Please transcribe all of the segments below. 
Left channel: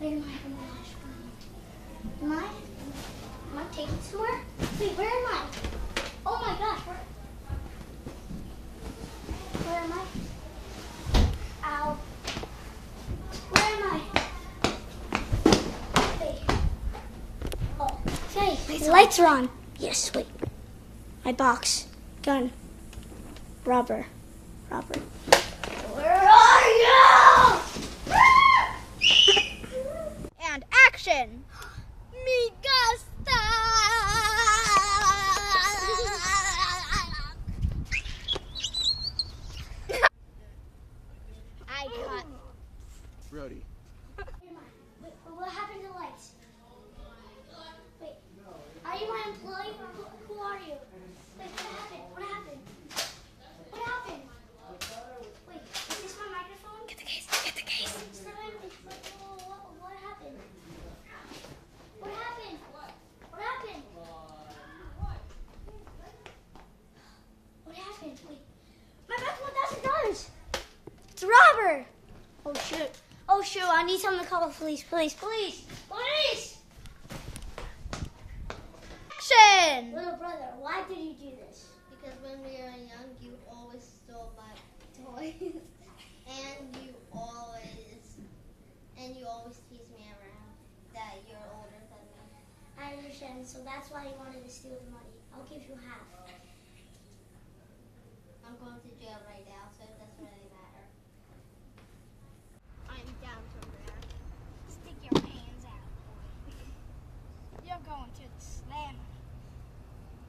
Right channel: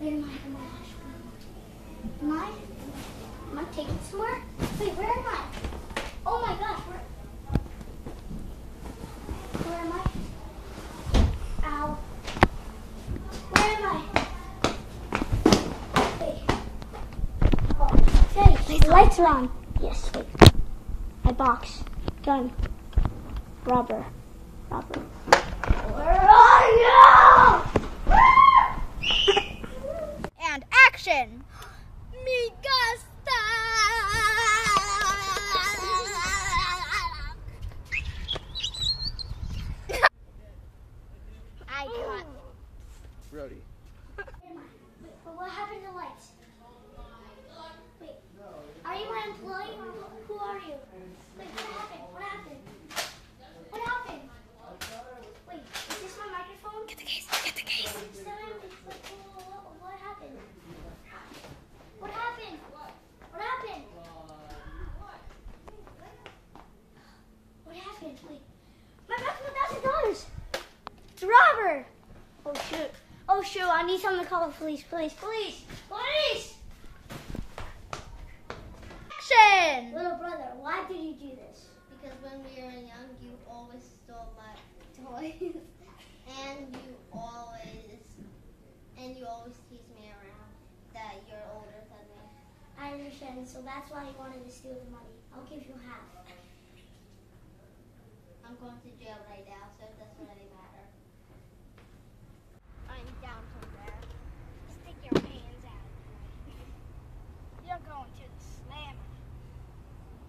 Where am I? Oh my gosh. Am I taken somewhere? Wait, where am I? Oh my gosh, where am I? Ow. Where am I? Wait. Oh, okay. The lights are on. Yes, wait. My box. Gun. Rubber. Where are you? And action! Me gusta! I got Brody. Wait, what happened to lights? Wait, are you my employee or who are you? Wait, what happened? What happened? What happened? Wait, is this my microphone? Get the case. Get the case. What happened? What happened? What happened? What happened? Wait, my back $1,000. It's a robber. Oh shoot. Oh shoot, I need someone to call the police. Police. Action! Little brother, why did you do this? Because when we were young, you always stole my toys, and you always tease me around that you're older than me. I understand, so that's why you wanted to steal the money. I'll give you half. I'm going to jail right now, so it doesn't really matter. I'm down from there. Stick your hands out. You're going to the slammer.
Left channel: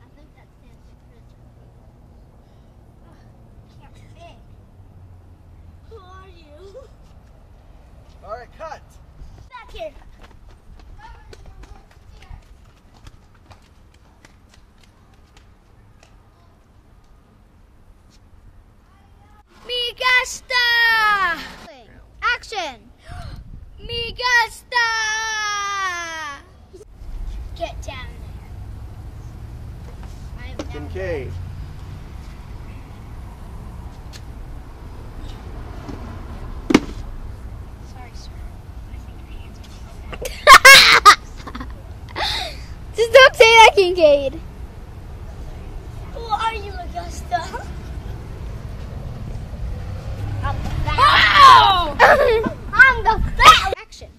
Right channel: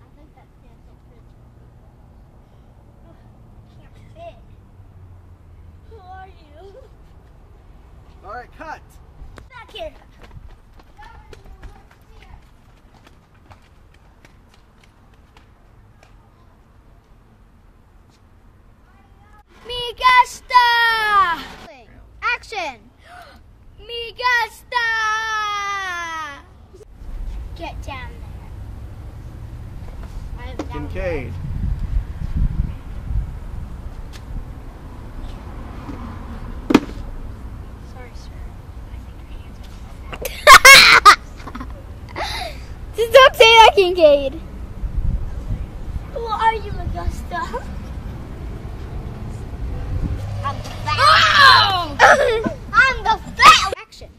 I think that stands for prison. Can't fit. Who are you? All right, cut. Back here. Me gusta! Action! Me gusta! Get down there. Kincaid. Sorry, sir. I think your hands are Just don't say that, Kincaid. Who are you, Augusta? I'm the fat. Oh! I'm the fat. Action.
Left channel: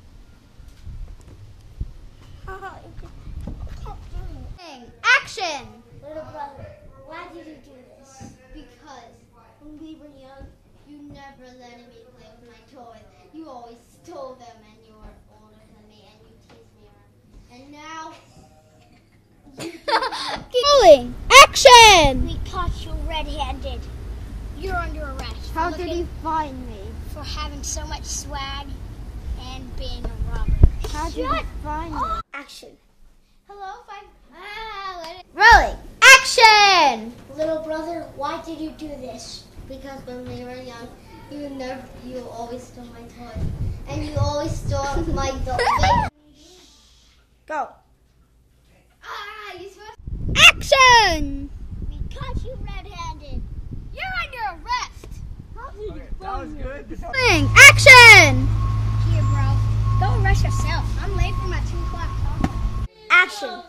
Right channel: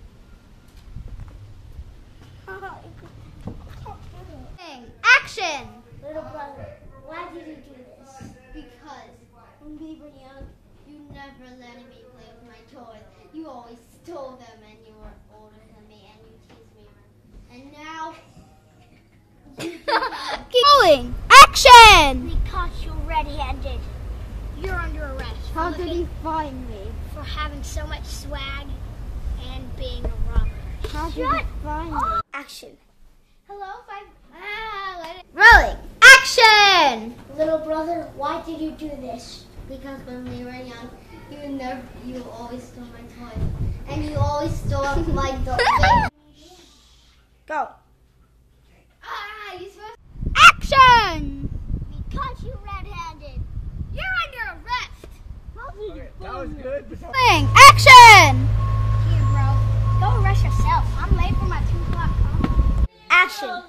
Action. Little brother, why did you do this? Because when we were young, you never let me play with my toys. You always stole them, and you were older than me, and you teased me around. And now, Keep rolling. Action. We caught you red-handed. You're under arrest. how did he find me? For having so much swag and being a robber. How did he find me? Action. Hello, Rolling. Action. Little brother, why did you do this? Because when we were young, you always stole my toys, and you always stole my dog. Go. You supposed Action. We caught you red-handed. You're under arrest. Okay, that was good. Rolling. Action. Here, bro. Go arrest yourself. I'm late for my 2 o'clock call. Action.